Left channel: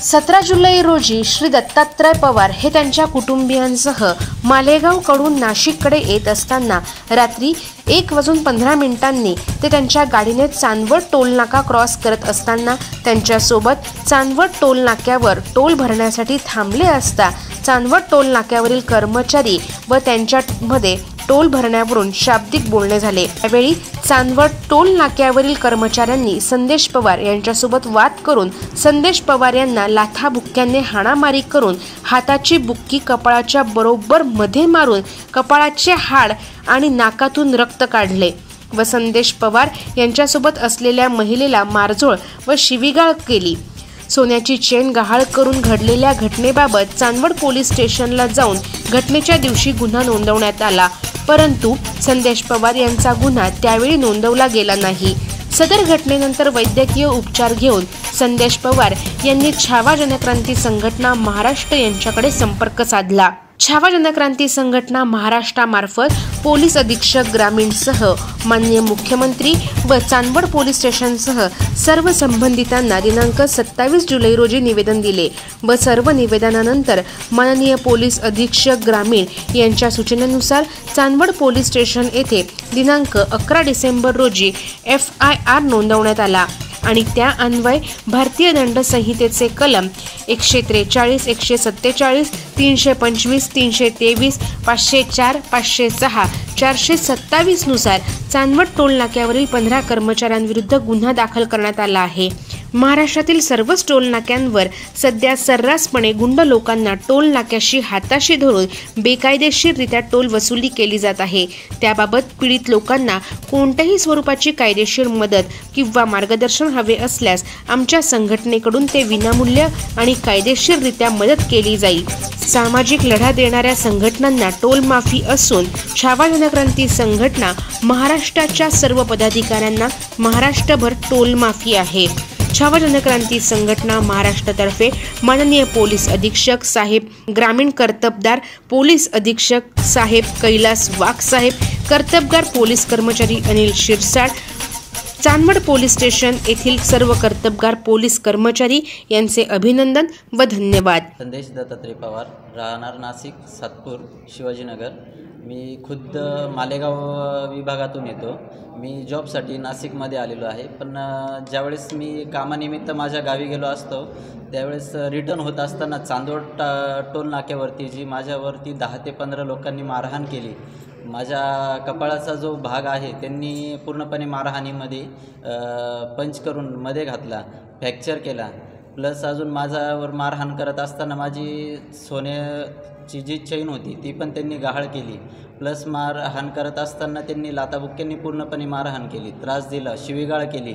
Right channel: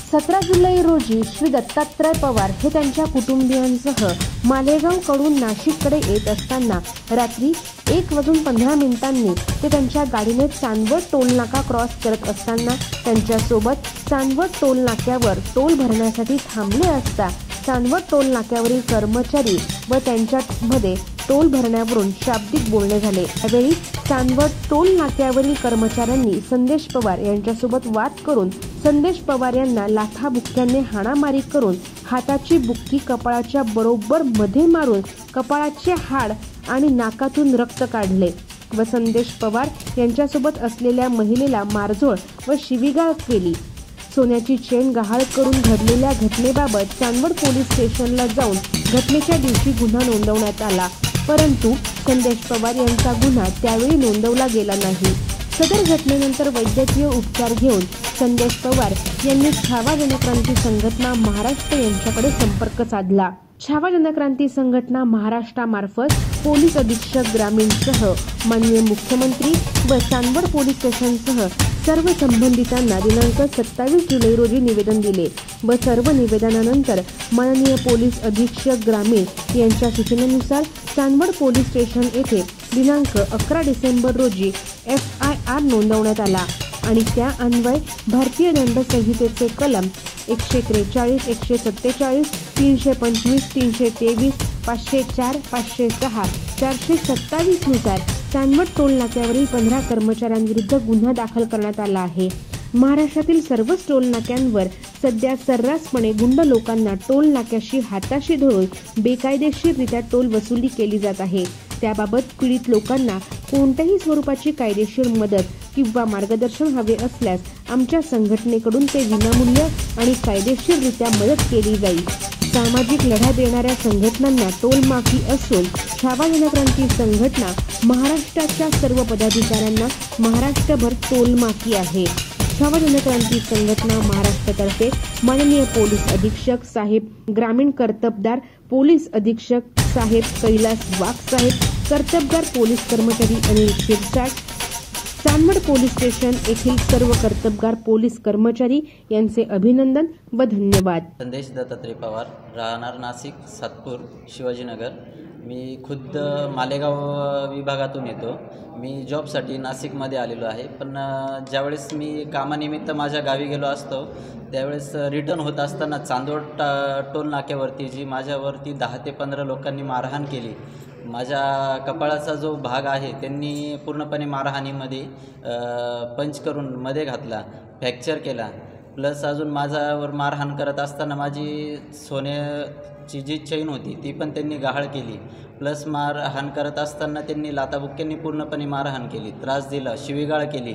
17 जुलै रोजी श्री दत्तात्रय पवार हे त्यांच्या कुटुंबियांसह मालेगावकडून नाशिककडे येत असताना रात्री 1:15 ते त्यांच्या गाडीने चांदवड टोल नाका क्रॉस करत असताना त्यांच्यासोबत चांदवड टोल नाक्यावर टोल भरण्यासाठी थांबले असता चांदवड टोल नाक्यावरील कर्मचारी व त्यांच्यामध्ये टोल भरण्यावरून शाब्दिक बोलणे झाले। यावेळी चांदवड टोल नाक्यावरील कर्मचाऱ्यांनी संदेश पवार यांच्यासोबत वाद करून संदेश पवार यांना लाथाबुक्क्याने हाणामारी करून हाताची बुक्की कपाळाच्या बरोबर मध्ये मारून कपाळाचे हाड आणि नाकातून रक्त काढले व संदेश पवार यांच्यासोबत असलेल्या महिलेला मारझोड व शिवीगाळ केली। सोन्याची चेन गहाळ करून घडलेल्या घटनेबाबत चांदवड पोलीस स्टेशनला जाऊन घटनेच्या दिवशी गुन्हा नोंदवण्यात आला, परंतु संदेश पवार यांचा गुन्हा त्यावेळी नोंदवला गेला नाही। सदर घटनेनंतर वैद्यकीय उपचार घेऊन संदेश पवार यांनी छावा जनक्रांती संघटना महाराष्ट्र यांच्याकडे संपर्क साधला। छावा जनक्रांती संघटना महाराष्ट्रामार्फत पोलीस अधीक्षक ग्रामीणसह माननीय मुख्यमंत्री व चांदवड पोलीस स्टेशनसह सर्व संबंधितांना दिनांक 27 जुलै रोजी निवेदन दिले व सर्व निवेदनानंतर माननीय पोलीस अधीक्षक ग्रामीण यांच्या सूचनेनुसार चांदवड पोलीस स्टेशन येथे दिनांक 11 डिसेंबर रोजी FIR नोंदवण्यात आला आणि त्या अन्वये भारतीय दंड संहितेचे कलम 143, 147, 325, 323, 504, 506, 427 नुसार चांदवड टोल नाक्यावरील 15 कर्मचाऱ्यांविरुद्ध गुन्हा दाखल करण्यात आला आहे। महाराष्ट्रातील सर्वच टोल नाक्यांवर सध्या सर्रासपणे गुंड लोकांना टोल नाक्याशी हाताशी धरून बेकायदेशीररित्या टोल वसुली केली जात आहे। त्याबाबत पीडित लोकांना कोणत्याही स्वरूपाची कायदेशीर मदत किंवा मार्गदर्शन हवे असल्यास आमच्या संघटनेकडून ते विनामूल्य आणि कायदेशीररित्या मदत केली जाईल। सामाजिक लढा देणाऱ्या संघटनांना टोल माफी असून छावा जनक्रांती संघटना महाराष्ट्राच्या सर्व पदाधिकाऱ्यांना महाराष्ट्रभर टोल माफी आहे। छावा जनक्रांती संघटना महाराष्ट्रातर्फे माननीय पोलीस अधीक्षक साहेब, ग्रामीण कर्तबदार पोलीस अधीक्षक साहेब कैलास वाघ साहेब, कर्तबगार पोलीस कर्मचारी अनिल शिरसाट, चांदवड पोलीस स्टेशन येथील सर्व कर्तबगार पोलीस कर्मचारी यांचे अभिनंदन व धन्यवाद। संदेश दत्तात्रय पवार, राहणार नाशिक, सातपूर, शिवाजीनगर। मी खुद्द मालेगाव विभागातून येतो। मी जॉबसाठी नाशिकमध्ये आलेलो आहे, पण ज्यावेळेस मी कामानिमित्त माझ्या गावी गेलो असतो त्यावेळेस रिटर्न होत असताना चांदवड टोल नाक्यावरती जी माझ्यावरती 10 ते 15 लोकांनी मारहाण केली। माझ्या कपाळाचा जो भाग आहे त्यांनी पूर्णपणे मारहाणीमध्ये पंच करून मध्ये घातला, फ्रॅक्चर केला। प्लस अजून माझ्यावर मारहाण करत असताना माझी सोन्याची जी चेन होती ती पण त्यांनी गहाळ केली। प्लस मारहाण करत असताना त्यांनी लाथाबुक्क्यांनी पूर्णपणे मारहाण केली, त्रास दिला, शिवीगाळ केली।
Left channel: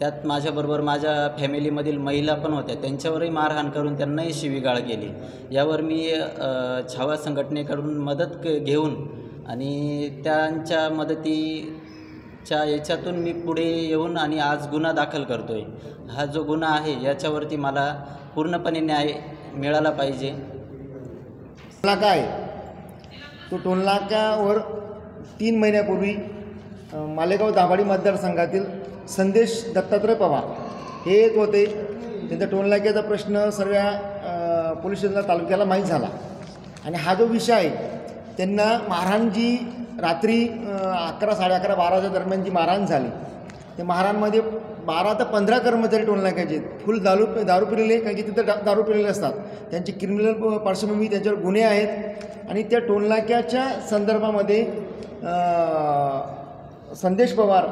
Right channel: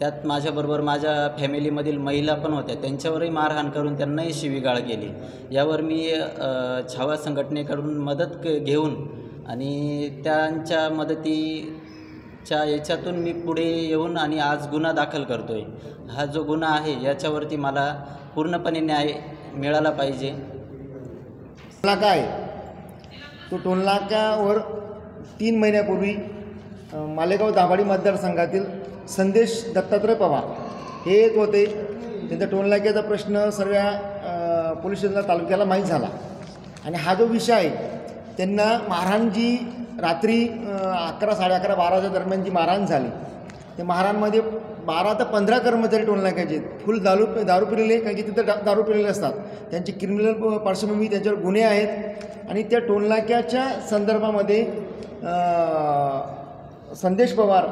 त्यात माझ्याबरोबर माझ्या फॅमिलीमधील महिला पण होत्या, त्यांच्यावरही मारहाण करून त्यांनाही शिवीगाळ केली। यावर मी छावा संघटनेकडून मदत घेऊन आणि त्यांच्या मदतीच्या याच्यातून मी पुढे येऊन आणि आज गुन्हा दाखल करतोय। हा जो गुन्हा आहे याच्यावरती मला पूर्णपणे न्याय मिळाला पाहिजे। काय तो टोल नाक्यावर 3 महिन्यापूर्वी मालेगाव दाभाडी मतदारसंघातील संदेश दत्तात्रय पवार हे येत होते। त्यांचा टोल नाक्याचा प्रश्न सर्व पोलीस स्टेशनला तालुक्याला माहीत झाला आणि हा जो विषय आहे त्यांना मारहाण जी रात्री 11, 11:30, 12च्या दरम्यान जी मारहाण झाली त्या मारहाणमध्ये 12 ते 15 कर्मचारी टोल नाक्याचे फुल दारू पिलेले, कारण की तिथं दारू पिलेले असतात, त्यांची क्रिमिनल पार्श्वभूमी, त्यांच्यावर गुन्हे आहेत आणि त्या टोल नाक्याच्या संदर्भामध्ये संदेश पवार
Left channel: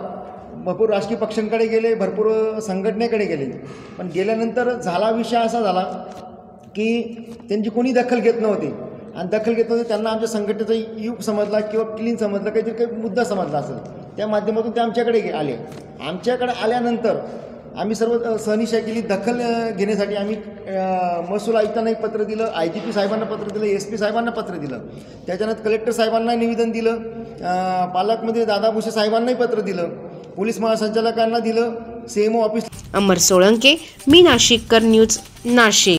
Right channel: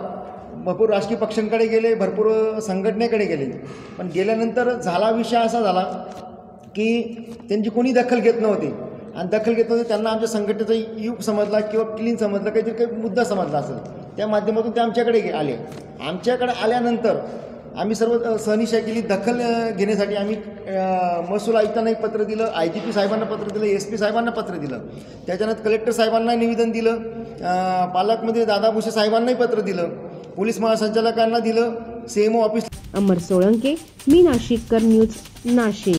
भरपूर राजकीय पक्षांकडे गेले, भरपूर संघटनेकडे गेले, पण गेल्यानंतर झाला विषय असा झाला की त्यांची कोणी दखल घेत नव्हती आणि दखल घेत नव्हते त्यांना आमच्या संघटनेचा युग समजला किंवा क्लीन समजला, काही मुद्दा समजला असेल, त्या माध्यमातून ते आमच्याकडे आले। आमच्याकडे आल्यानंतर आम्ही सर्व सहनिशा केली, दखल घेण्यासाठी आम्ही महसूल आयुक्तांना एक पत्र दिलं, IGP साहेबांना पत्र दिलं, SP साहेबांना पत्र दिलं, त्याच्यानंतर कलेक्टर साहेबांना निवेदन दिलं, पालकमंत्री दादा भुसे साहेबांनाही पत्र दिलं, पोलीस महासंचालकांना दिलं, CMO ऑफिस। अमर सोळंके, मी नाशिककर न्यूज, नाशिक।